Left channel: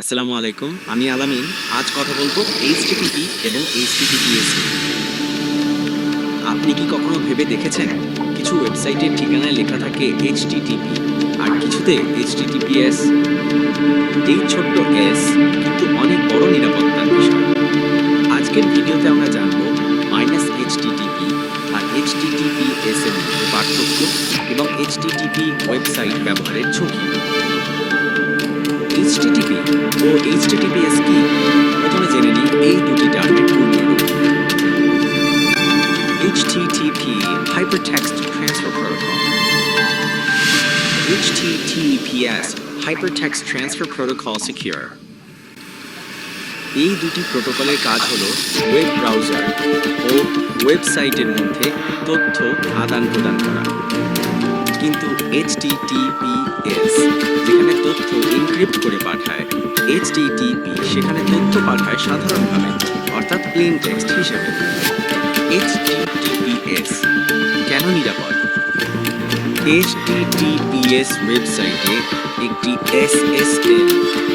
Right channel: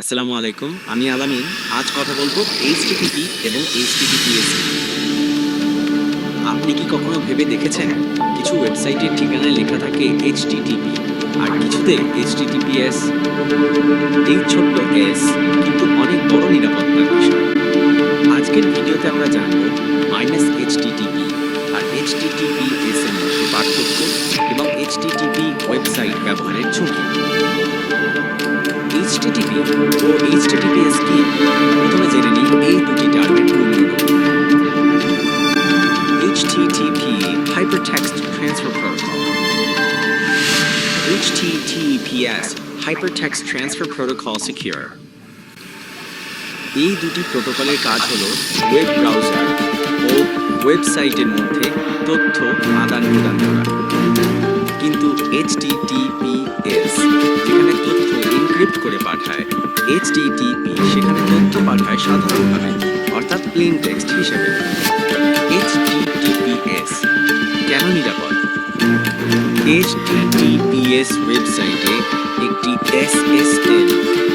আসসালামু আলাইকুম, আমি আলামিন। আজ কথা বলবো এইচটিটিপি এবং এইচটিটিপিএস নিয়ে। আপনি কি কখনো ভেবে দেখেছেন, কিছু ওয়েবসাইটের ঠিকানায় লেখা থাকে এইচটিটিপি আর কিছুতে এইচটিটিপিএস? এই ছোট্ট এস কিন্তু অনেক বড় নিরাপত্তার বিষয়। আজকের ভিডিওতে আমরা জানব -HTTP আর HTTPS এর মধ্যে পার্থক্য এবং HTTP ওয়েবসাইট ব্যবহারের ঝুঁকি। HTTP ও HTTPS কি? প্রথমে জেনে নিই এই দুটি টার্মের পূর্ণরূপ। HTTP Hypertext Transfer Protocol, HTTPS Hypertext Transfer Protocol Secure। এই দুটি প্রোটোকলের কাজ হলো ওয়েব ব্রাউজার ও ওয়েবসাইটের মধ্যে তথ্য আদান প্রদান করা। কিন্তু HTTPS যেখানে তথ্য এনক্রিপ্ট করে পাঠায়, HTTP সেখানে তথ্য পাঠায় সাধারণভাবে, অর্থাৎ প্লেন টেক্সট হিসেবে। HTTPS কেন নিরাপদ? HTTPS ওয়েবসাইটে একটি SSL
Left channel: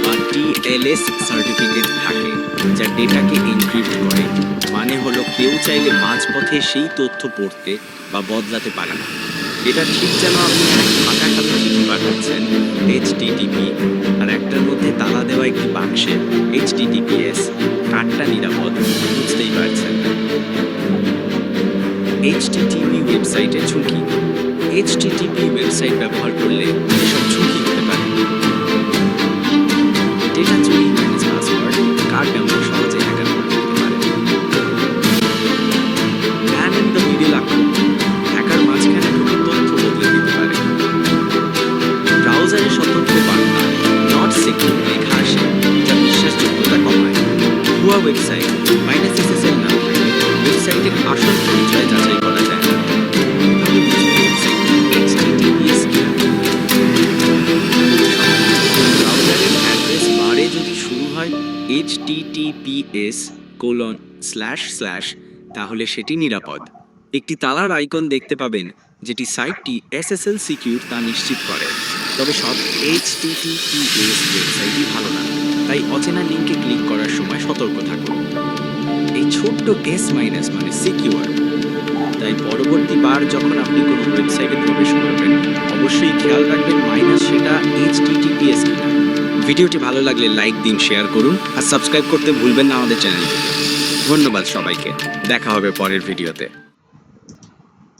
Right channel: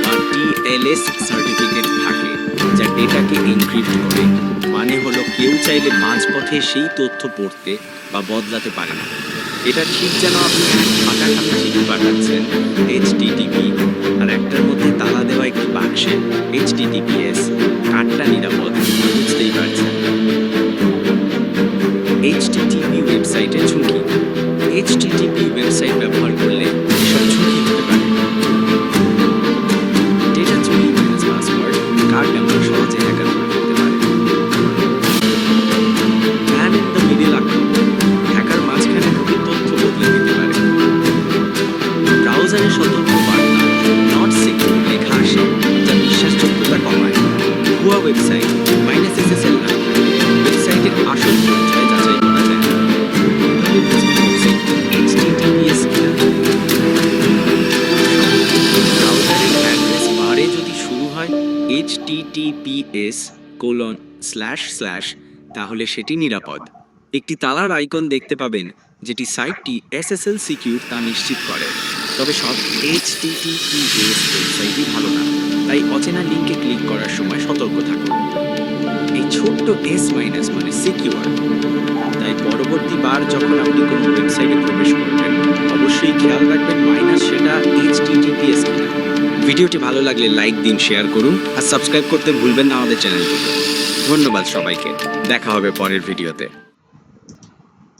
বা TLS সার্টিফিকেট থাকে যা ডেটাকে এনক্রিপ্ট করে। মানে হলো কেউ চাইলে মাঝপথে সেই তথ্য পড়তে বা বদলাতে পারে না। এটা ঠিক যেন আপনি এক ফাঁকা খালি চিঠি পাঠাচ্ছেন HTTP আর একটার মধ্যে তালা দেওয়া একটি বাক্সে HTTPS। কারটা নিরাপদ বুঝতেই পারছেন। HTTP ওয়েবসাইটের ঝুঁকি। HTTP ওয়েবসাইট ব্যবহার করলে এসব ঝুঁকি হতে পারে। ডেটা চুরি, পাসওয়ার্ড, কার্ড ব্যবহার সহজে হ্যাকার করে ফেলতে পারে। ম্যান ইন দ্য মিডল আক্রমণ, হ্যাকার মাঝখানে ঢুকে তথ্য বদলে দিতে পারে। ব্রাউজারে সতর্ক বার্তা নট সিকিউর লেখা আসে, যা বিশ্বাসযোগ্যতা কমায়। ভুয়া ওয়েবসাইট, -SSL না থাকলে ওয়েবসাইটের আসল পরিচয় যাচাই করা যায় না। কিভাবে বুঝবেন ওয়েবসাইট HTTPS কিনা? ব্রাউজারের অ্যাড্রেস বারে যদি শুরু হয় https:// তাহলে সেটি নিরাপদ। একটি তালার আইকন দেখতে পাবেন যেটি সাইটটি SSL সিকিউর তা নিশ্চিত করে। তবে সব HTTPS ওয়েবসাইটই ভালো না, তাই অচেনা লিঙ্কে ক্লিক করার সময় সতর্ক থাকুন। এই ছোট্ট S- মানে সিকিউর। তাই পরবর্তী বার যখন আপনি কোনো ওয়েবসাইটে প্রবেশ করবেন, অবশ্যই খেয়াল রাখবেন সেটা HTTPS কিনা। ভিডিওটি ভালো লাগলে লাইক দিন, শেয়ার করুন আর সাবস্ক্রাইব করতে ভুলবেন না আমাদের চ্যানেলটিকে। ধন্যবাদ সবাইকে, দেখা হবে পরের ভিডিওতে।